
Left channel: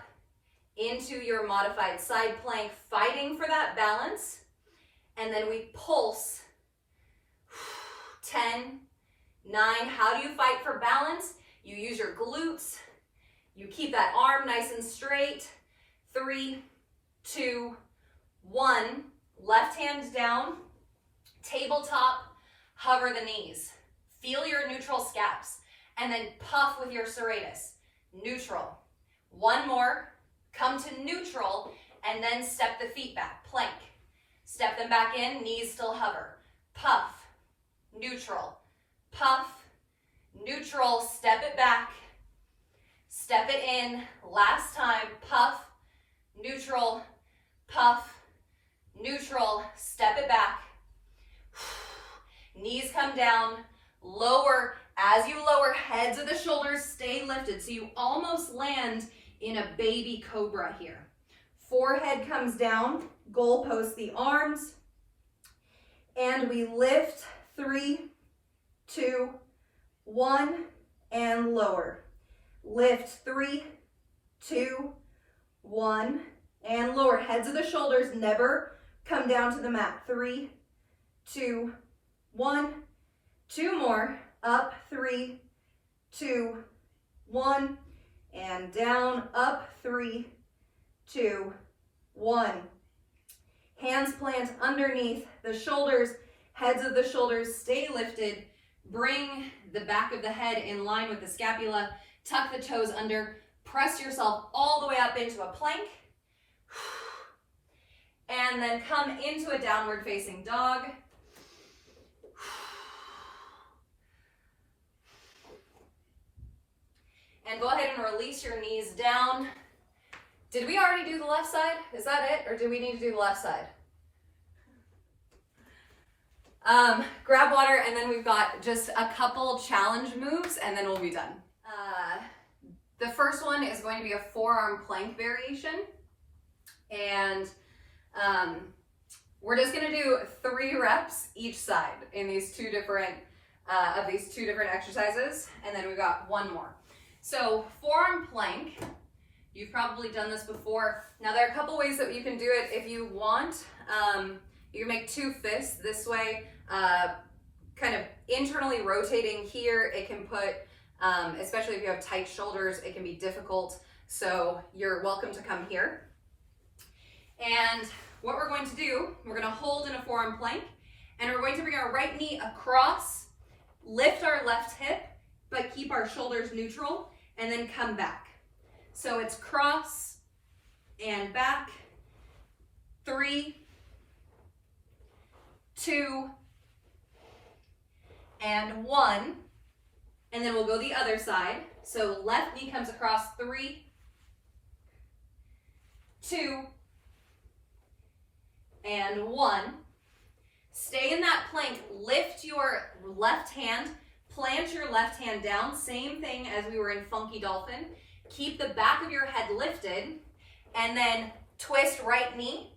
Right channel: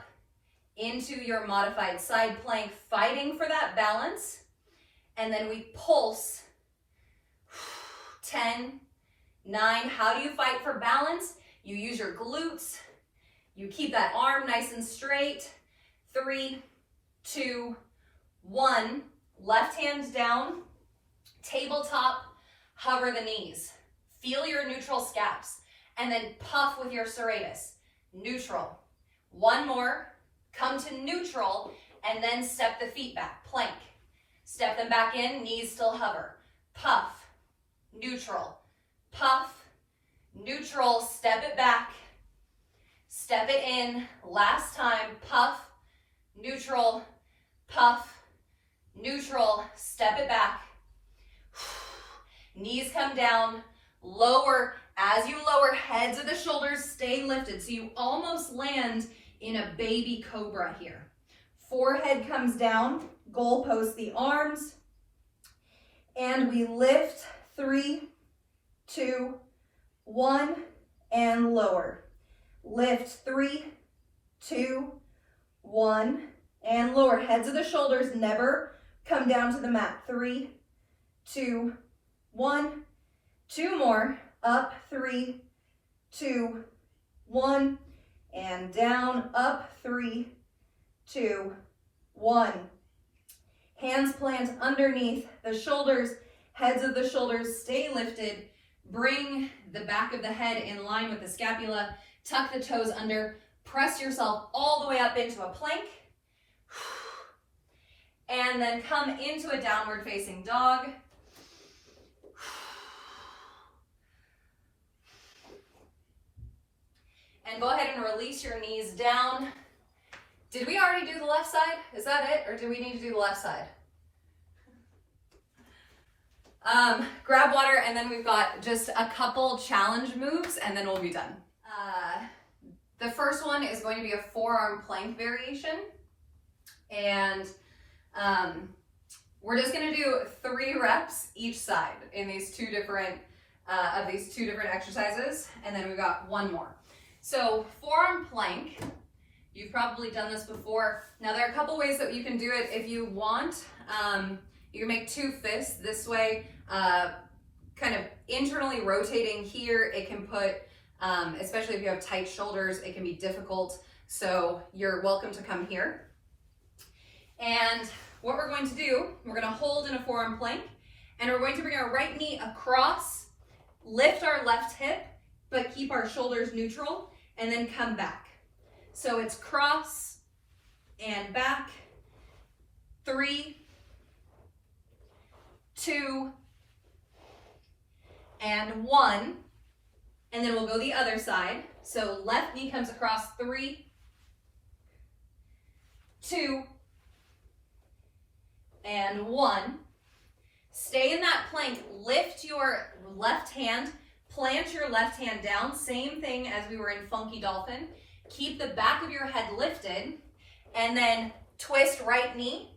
into your modified side plank, fighting for that balance. And then we pulse. 10, 9. How do you fight for balance? You use your glutes. You keep that arm nice and straight. 3, 2, 1. Left hand down. Tabletop. Hover the knees. Feel your neutral scaps. And then puff with your serratus. Neutral. One more. Come to neutral. And then step the feet back. Plank. Step them back in. Knees still hover. Puff. Neutral. Puff. Neutral. Step it back. Step it in. Last time. Puff. Neutral. Puff. Neutral. Step it back. Knees come down. Lower. As you lower, heads of the shoulders stay lifted. So you almost land in a baby cobra here. Forehead comes down. Goalpost the arms. And we lift. 3, 2, 1, and lower. Lift. 3, 2, 1, and lower. Heads of the shoulders never come down to the mat. 3, 2, 1. 2 more. Up. 3, 2, 1, and down. Up. 3, 2, 1. Hands plant underneath the shoulders. Heads of the shoulders stay lifted. Bring the back of the head in line with the scapula. Tuck the toes under. Press yourself all the way up into a plank. And then come into a downward facing dog. And go ahead and release your knees down. Did we already do the left side? Is that it? Or do we need to do the left side? Grab water, and then we've got just a couple challenge moves, and then we'll be done. The first one is going to be a forearm plank variation, and we're just going to do 3 reps each side in these two different exercises, and then we've got 1 more. So forearm plank, you've probably done this before. Now there are a couple ways that you can do it if you want. You can make 2 fists this way, kind of internally rotating here. It can put, especially if you have tight shoulders, it can be difficult. So you're welcome to come here. And what we're going to do, we're going to hold in a forearm plank, and we're going to bring our right knee across, lift our left hip, but keep our shoulders neutral, and then come back. So it's cross and back. 3, 2, and 1. And then we'll go the other side. So left knee comes across. 3, 2, and 1. Stay in that plank. Lift your left hand. Plant your left hand down. Same thing as we were in Funky Dolphin. Keep the back of your head lifted. And then twist right knee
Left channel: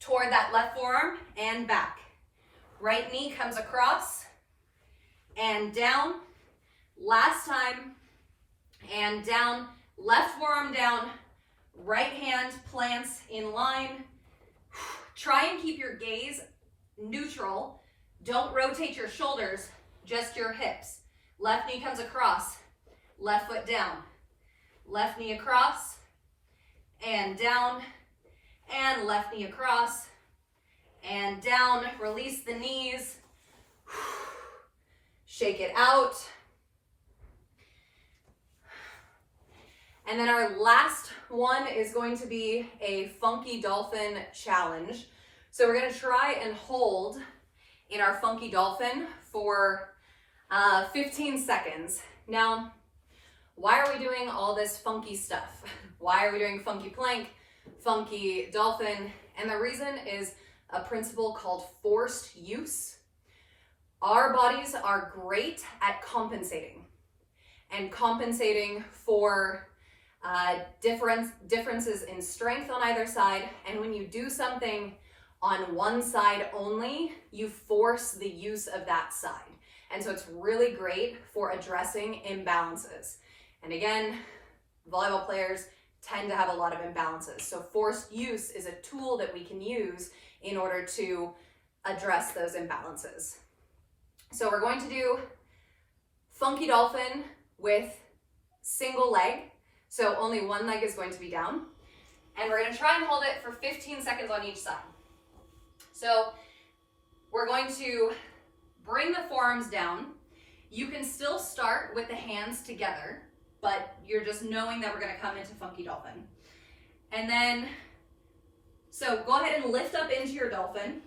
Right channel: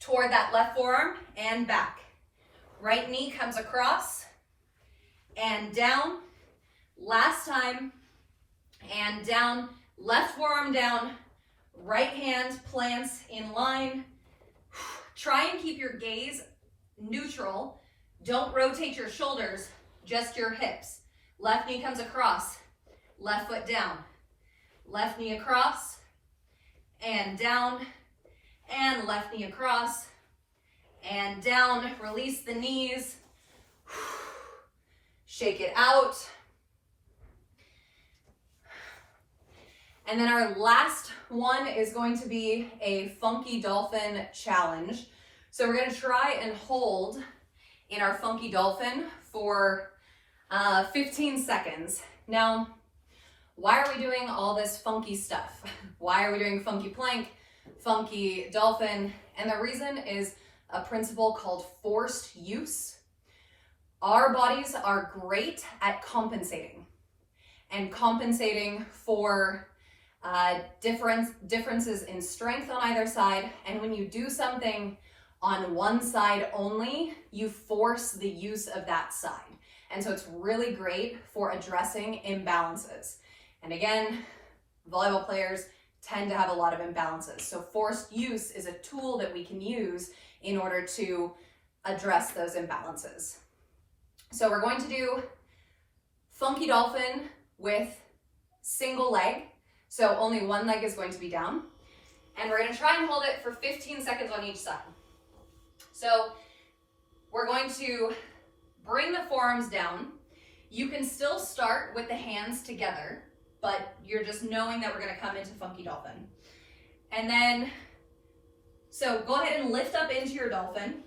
toward that left forearm and back. Right knee comes across and down. Last time. And down. Left forearm down. Right hand plants in line. Try and keep your gaze neutral. Don't rotate your shoulders, just your hips. Left knee comes across. Left foot down. Left knee across and down. And left knee across and down. Release the knees. Shake it out. And then our last one is going to be a Funky Dolphin challenge. So we're going to try and hold in our Funky Dolphin for 15 seconds. Now, why are we doing all this funky stuff? Why are we doing Funky Plank, Funky Dolphin? And the reason is a principle called forced use. Our bodies are great at compensating, and compensating for differences in strength on either side. And when you do something on one side only, you force the use of that side. And so it's really great for addressing imbalances. And again, volleyball players tend to have a lot of imbalances. So forced use is a tool that we can use in order to address those imbalances. So we're going to do funky dolphin with single leg. So only one leg is going to be down. And we're going to try and hold it for 15 seconds on each side. So we're going to bring the forearms down. You can still start with the hands together, but you're just knowing that we're going to come into funky dolphin. And then, so go ahead and lift up into your dolphin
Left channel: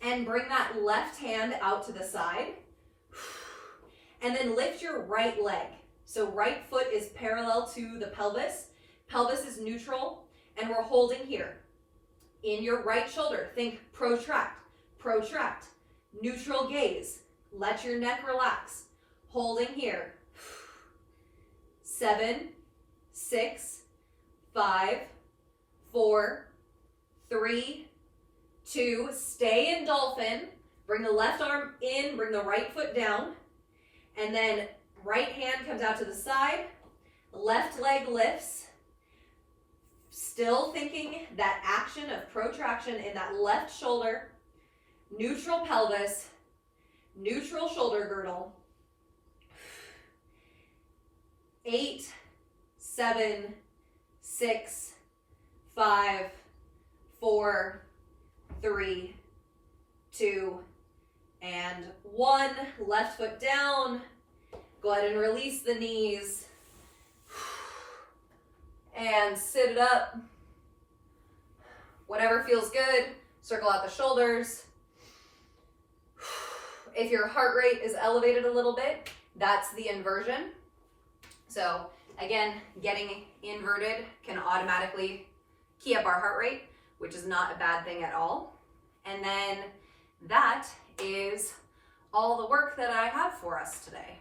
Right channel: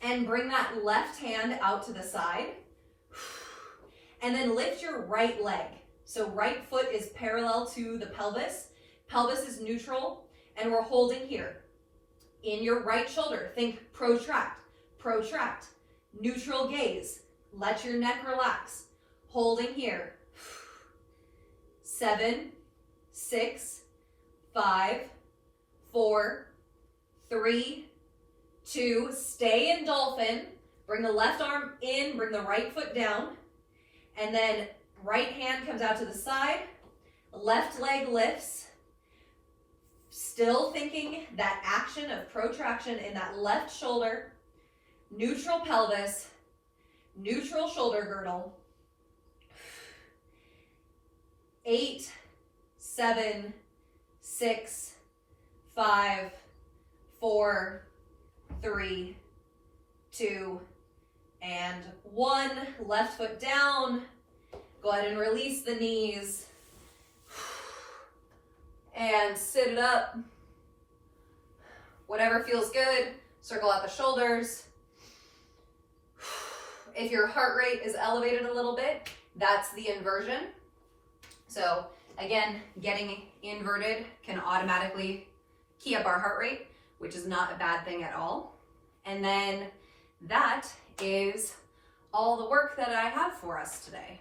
and bring that left hand out to the side. And then lift your right leg. So right foot is parallel to the pelvis. Pelvis is neutral, and we're holding here. In your right shoulder, think protract, protract. Neutral gaze. Let your neck relax. Holding here. 7, 6, 5, 4, 3, 2. Stay in dolphin. Bring the left arm in, bring the right foot down. And then right hand comes out to the side. Left leg lifts. Still thinking that action of protraction in that left shoulder. Neutral pelvis, neutral shoulder girdle. 8, 7, 6, 5, 4, 3, 2, and 1. Left foot down. Go ahead and release the knees. And sit it up. Whatever feels good. Circle out the shoulders. If your heart rate is elevated a little bit, that's the inversion. So again, getting inverted can automatically key up our heart rate, which is not a bad thing at all. And then that is all the work that I have for us today.